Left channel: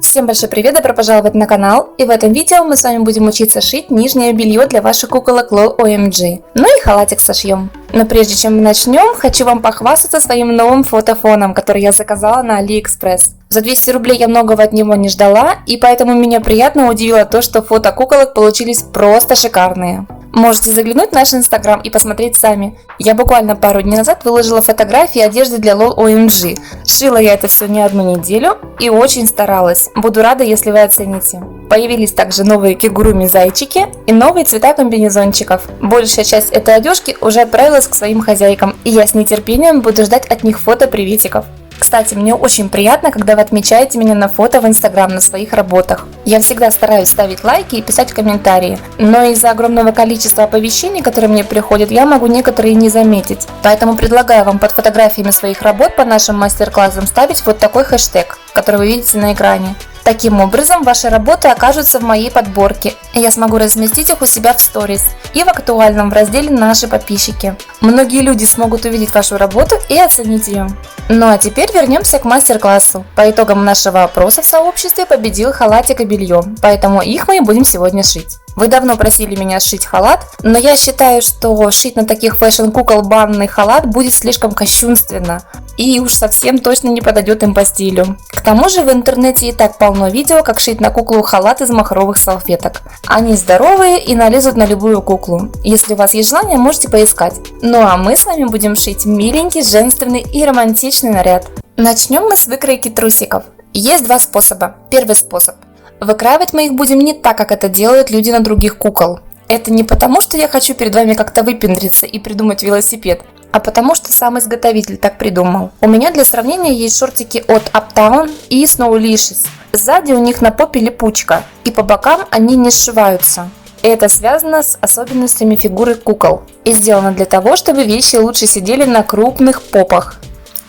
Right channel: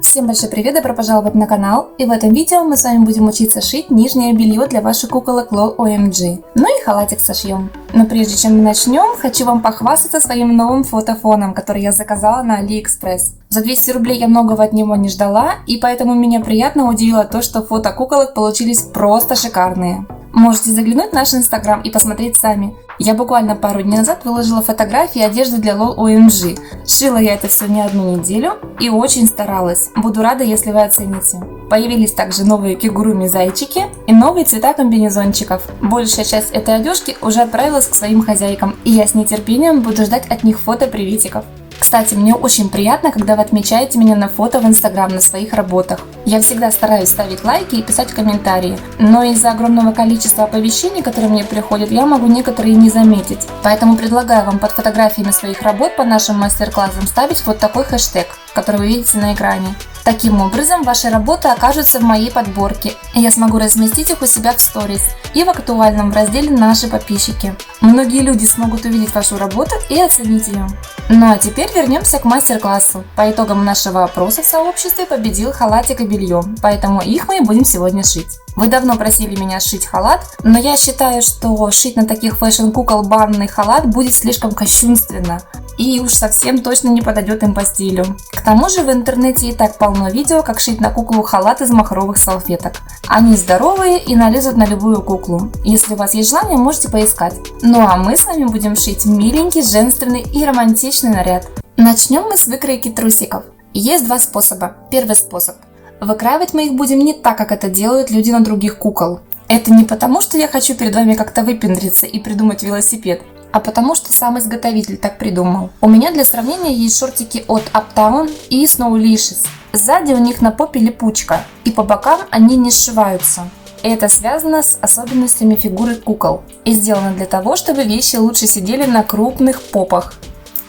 Всем большой привет, добро пожаловать на канал, и в этом видео мы с вами будем учиться шить нижнее белье для ваших куколок LOL OMG. Ну и халатик сошьем. Но прежде чем мы начнем, хочу вам похвастаться своим новым фотофоном, который я заказала на AliExpress. За 200 рублей я многого от него не ждала, и поэтому меня приятно удивило то, что фото куколок получились просто шикарные. Можете заглянуть в наш инстаграм и посмотреть сами. Я буквально пару дней назад выложила фотографии одежды для LOL OMG. Шила я это все не одну неделю и очень старалась. Буду рада, если вы оцените. Появились также новые кигуруми зайчики и новые цвета комбинезончиков. Большая часть этой одежки уже отправилась к своим хозяйкам, и я с нетерпением буду ждать от них фото приветиков. Кстати, мне очень приятно, когда вы отмечаете меня на фото в инстаграм на своих работах. Я всегда стараюсь ставить лайки и писать комментарии, но из-за огромного количества оповещений, которые мне приходят, я могу некоторые не заметить. Поэтому предлагаю вам под фотографиями своих работ по нашим мастер-классам ставить вот такой хэштег, который вы видите на экране. Таким образом, ваши работы окажутся в моей подборке, и я смогу разместить их у себя в сторис и в актуальном в разделе «Наши подписчики». Многие люди смогут увидеть вашу работу и оценить ее. Ну а теперь вернемся к мастер-классу. По итогам нашего опроса в сообществе победил халатик и белье, поэтому их мы и будем сегодня шить. Вы давно просили меня сшить халат, но я считаю, что шить на таких фэшн-кукол банный халат будет слишком кощунственно и уж совсем точно не подойдет им по стилю. К тому же в интернете и так полно видео, как шить на куклу халат из махровых салфеток. Они здоровые и налезут на любую куклу. Если у вас есть желание, можете поискать. Ну а мы с вами будем шить миленький, женственный и романтичный наряд. Начнем мы с выкройки трусиков. Есть два способа. Первый способ. Выкраивать мы их будем не так, как это делают люди на других кукол. Это не потому, что я хочу перед вами как-то выпендриться и придумать велосипед, а потому что сам изготовитель так придумал. У меня для сравнения есть шортики от Uptown и Snowlicious. Сзади у них на попе липучка, и по бокам они не сшиваются. Это связано с особенностями фигуры кукол и сделано для того, чтобы вещи лучше сидели на крупных попах.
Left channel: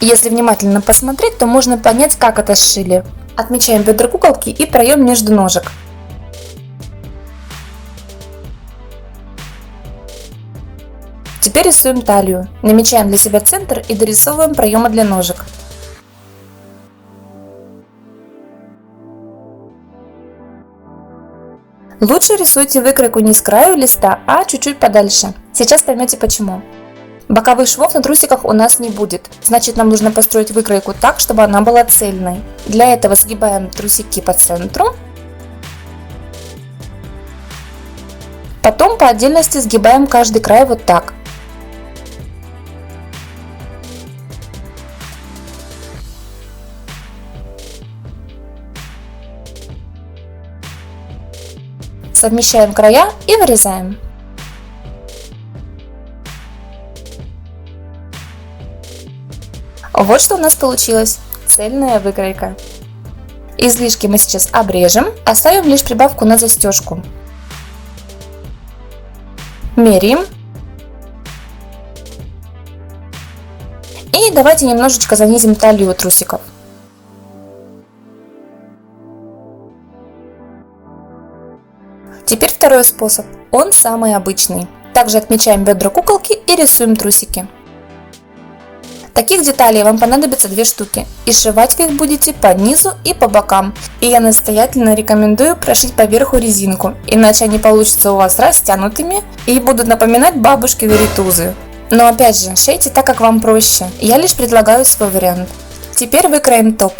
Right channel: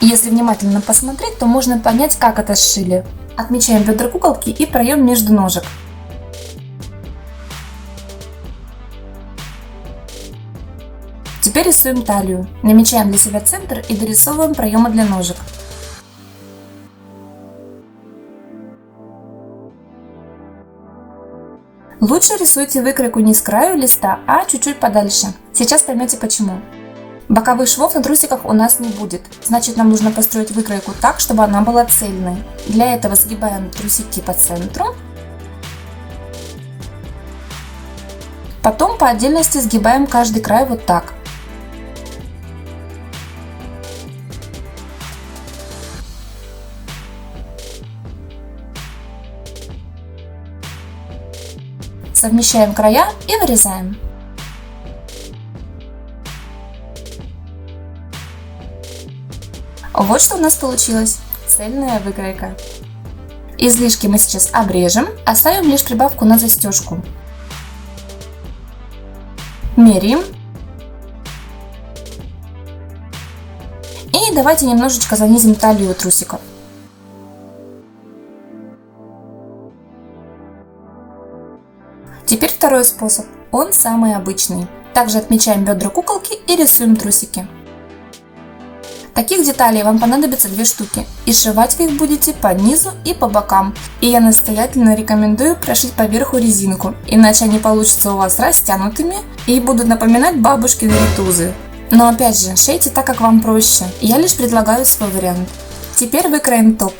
Если внимательно посмотреть, то можно понять, как это сшили. Отмечаем бедра куколки и проем между ножек. Теперь рисуем талию. Намечаем для себя центр и дорисовываем проемы для ножек. Лучше рисуйте выкройку не с краю листа, а чуть-чуть подальше. Сейчас поймете почему. Боковых швов на трусиках у нас не будет, значит нам нужно построить выкройку так, чтобы она была цельной. Для этого сгибаем трусики по центру. Потом по отдельности сгибаем каждый край вот так. Совмещаем края и вырезаем. Вот что у нас получилось. Цельная выкройка. Излишки мы сейчас обрежем, оставим лишь прибавку на застежку. Меряем. И давайте немножечко занизим талию трусиков. Теперь второй способ. Он самый обычный. Также отмечаем бедра куколки и рисуем трусики. Таких деталей вам понадобится 2 штуки, и сшивать вы их будете по низу и по бокам. И я настоятельно рекомендую прошить поверху резинку, иначе они получатся у вас растянутыми и будут напоминать бабушкины ритузы. Но опять же, шейте так, как вам проще, я лишь предлагаю свой вариант. Теперь выкроем топ.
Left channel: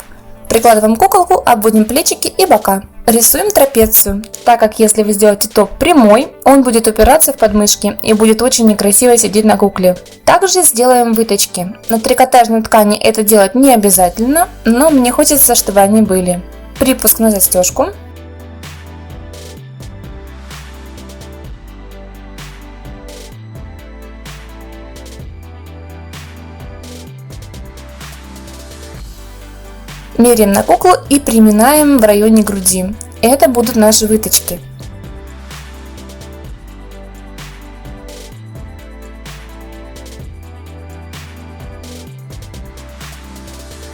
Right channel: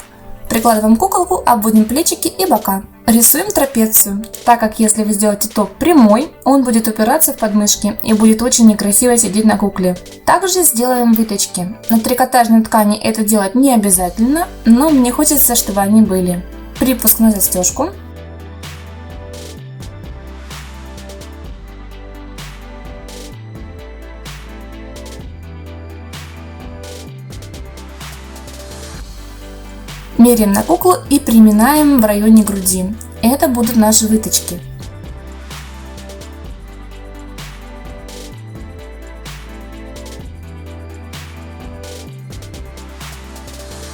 Прикладываем куколку, обводим плечики и бока. Рисуем трапецию, так как если вы сделаете топ прямой, он будет упираться в подмышки и будет очень некрасиво сидеть на кукле. Также сделаем выточки. На трикотажной ткани это делать не обязательно, но мне хочется, чтобы они были. Припуск на застежку. Меряем на куклу и приминаем в районе груди. Это будут наши выточки.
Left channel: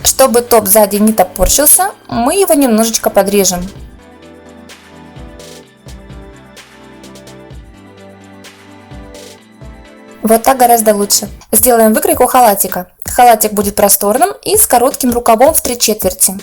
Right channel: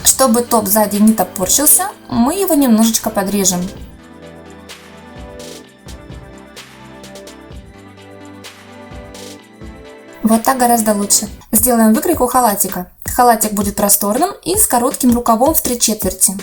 Чтобы топ сзади не топорщился, мы его немножечко подрежем. Вот так гораздо лучше. Сделаем выкройку халатика. Халатик будет просторным и с коротким рукавом в 3/4.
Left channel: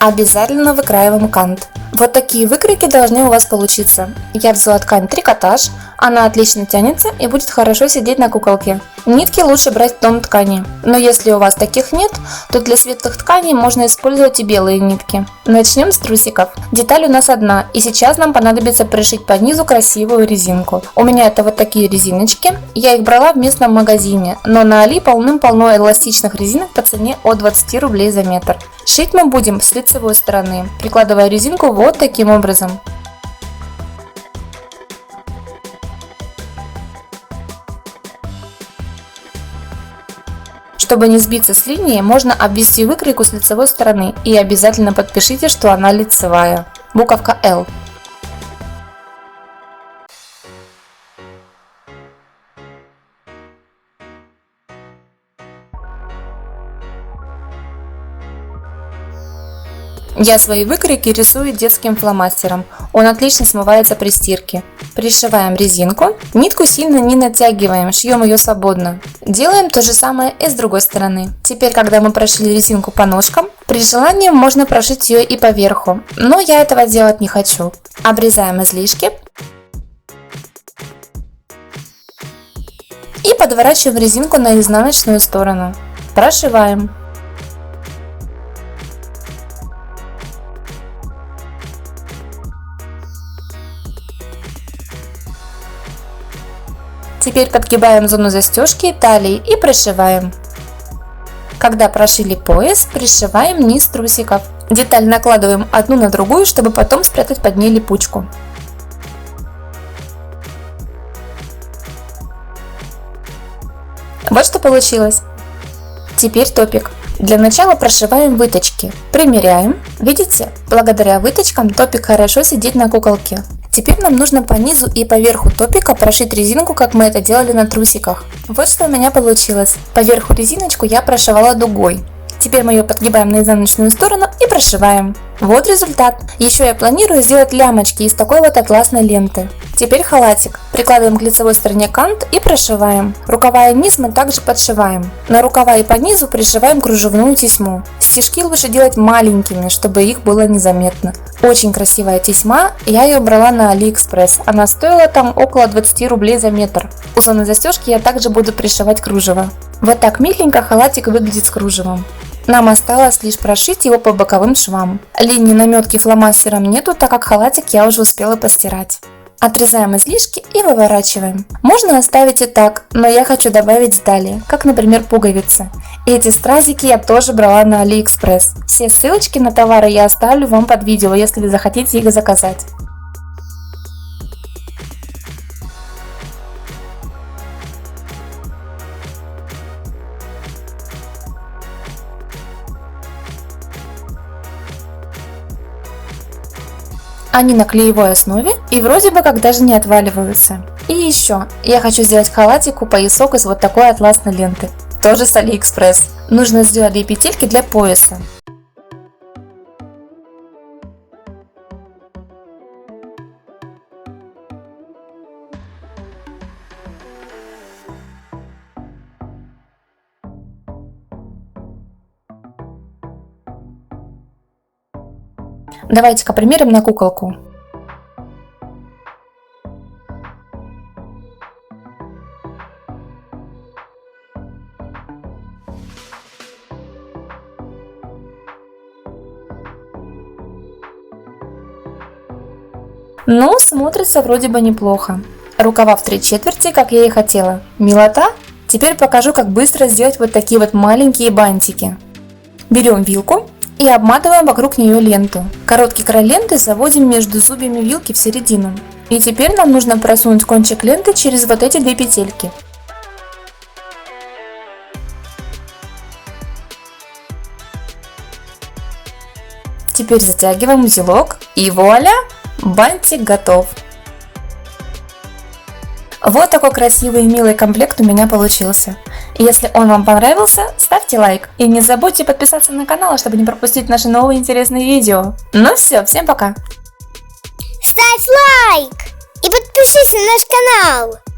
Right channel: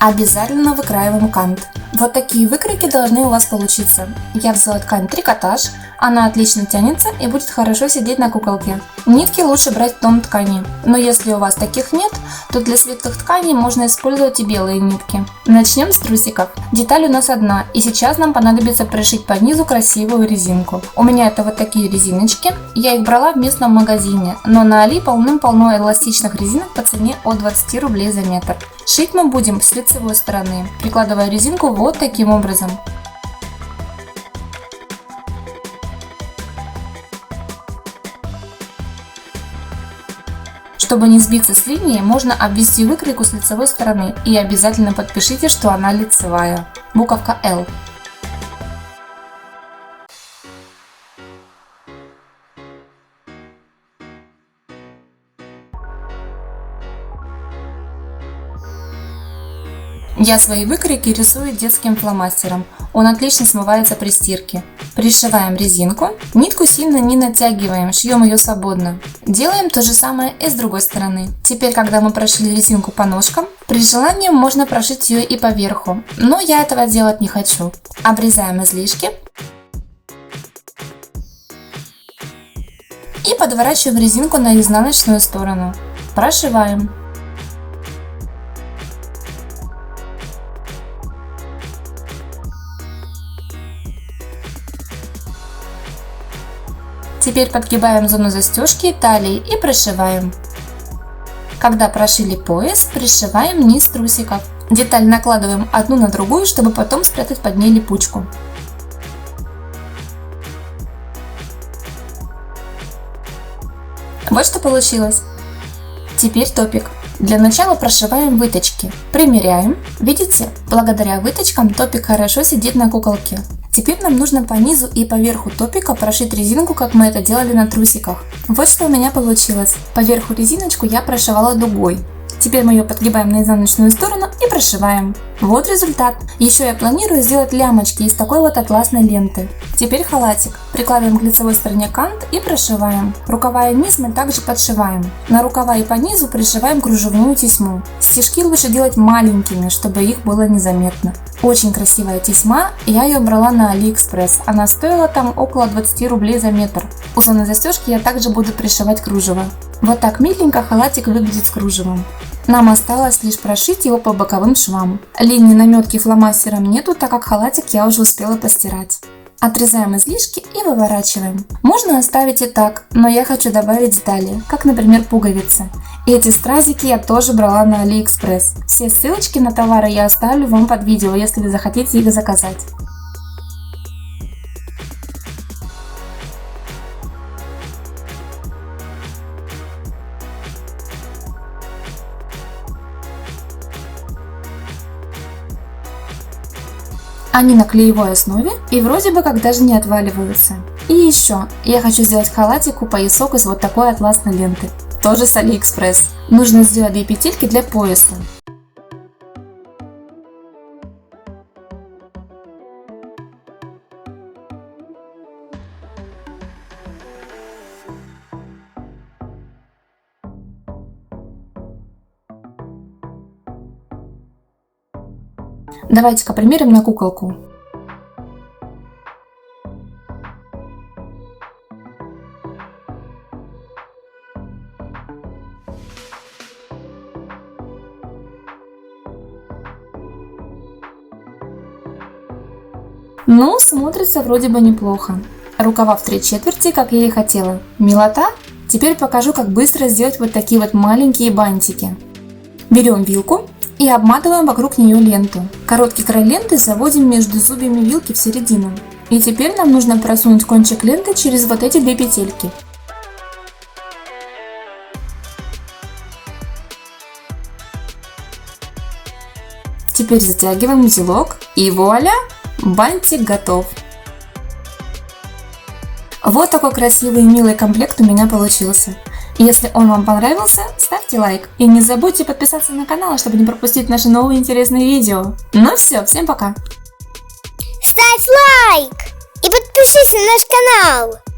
Обязательно выкраиваем кант. Вот такие выкройки должны у вас получиться. Я взяла ткань трикотаж, она отлично тянется и будет хорошо сидеть на куколке. Нитки лучше брать в тон ткани, но если у вас таких нет, то для светлых тканей можно использовать и белые нитки. Начнем с трусиков. Деталь у нас одна, и сейчас нам понадобится пришить по низу красивую резинку. У меня это вот такие резиночки, я их брала в местном магазине, но на Али полным-полно эластичных резинок по цене от 20 рублей за метр. Шить мы будем с лицевой стороны, прикладывая резинку вот таким образом. Чтобы не сбиться с линии, можно обвести выкройку с лицевой стороны и обязательно подпишите, что она лицевая. Буковка L. Я свои выкройки рисую детским фломастером. Он отлично смывается при стирке. Пришиваем резинку. Нитку сильно не натягиваем, шьем ее свободно. Делаем то же самое и с другой стороны. Теперь, когда мы прошили резинку по ножкам, при желании можно прошить ее и по верху, но я этого делать не хочу. Обрезаем излишки. И подворачиваем резинку на изнаночную сторону. Прошиваем. Теперь подгибаем зону застежки талии и прошиваем. Когда прошили пояс, пришиваем низ трусиков. Деталь накладываем одну на другую, чтобы потом спрятать под ней липучку. Вот что получилось. Теперь топик. Для начала прошиваем выточки. Примеряем. Видите, благодаря выточкам топик хорошо сидит на куколке. Теперь нам нужно по низу и по верху топика прошить резинку, как мы это делали на трусиках. Вот что у меня получилось. По верху резиночку я прошивала дугой. Теперь мы ее подгибаем на изнаночную сторону и прошиваем. Вот результат. Еще я планирую сделать лямочки из такой вот атласной ленты. Теперь халатик. Прикладываем к лицевой стороне кант и прошиваем. Рукава и низ мы также подшиваем. На рукава и по низу пришиваем кружевную тесьму. Стежки лучше делать маленькими, чтобы их было незаметно. Очень красивая тесьма, я ее брала на Алиэкспресс. Она стоила там около 20 рублей за метр. У зоны застежки я также буду пришивать кружево. Вот так миленько халатик выглядит с кружевом. Нам осталось лишь прошить его по боковым швам. Линии наметки фломастером нету, так как халатик я уже успела постирать. Отрезаем излишки и выворачиваем. Можно оставить и так, но я хочу добавить детали, как, например, пуговицы. Эти стразики я тоже брала на Алиэкспресс. Все ссылочки на товары я оставлю вам под видео, если вы захотите их заказать. Они на клеевой основе и вроде бы как даже не отваливаются. И еще, я хочу сделать халатику поясок из вот такой атласной ленты. Тоже с Алиэкспресс. Нужно сделать 2 петельки для пояса. Давайте-ка примерим на куколку. Ну, смотрится вроде бы неплохо. Рукава в 3/4, как я и хотела. Милота? Теперь покажу, как быстро сделать вот такие вот маленькие бантики. Берем вилку и обматываем вокруг нее ленту. Короткий край ленты заводим между зубьями вилки в середину. И теперь нам нужно просунуть кончик ленты через вот эти 2 петельки. Теперь затягиваем узелок и вуаля! Бантик готов. Вот такой красивый и милый комплект у меня получился. Если он вам понравился, ставьте лайк. И не забудьте подписаться на канал, чтобы не пропустить наши новые интересные видео. Ну все, всем пока. Ставь лайк и подпишись на наш канал.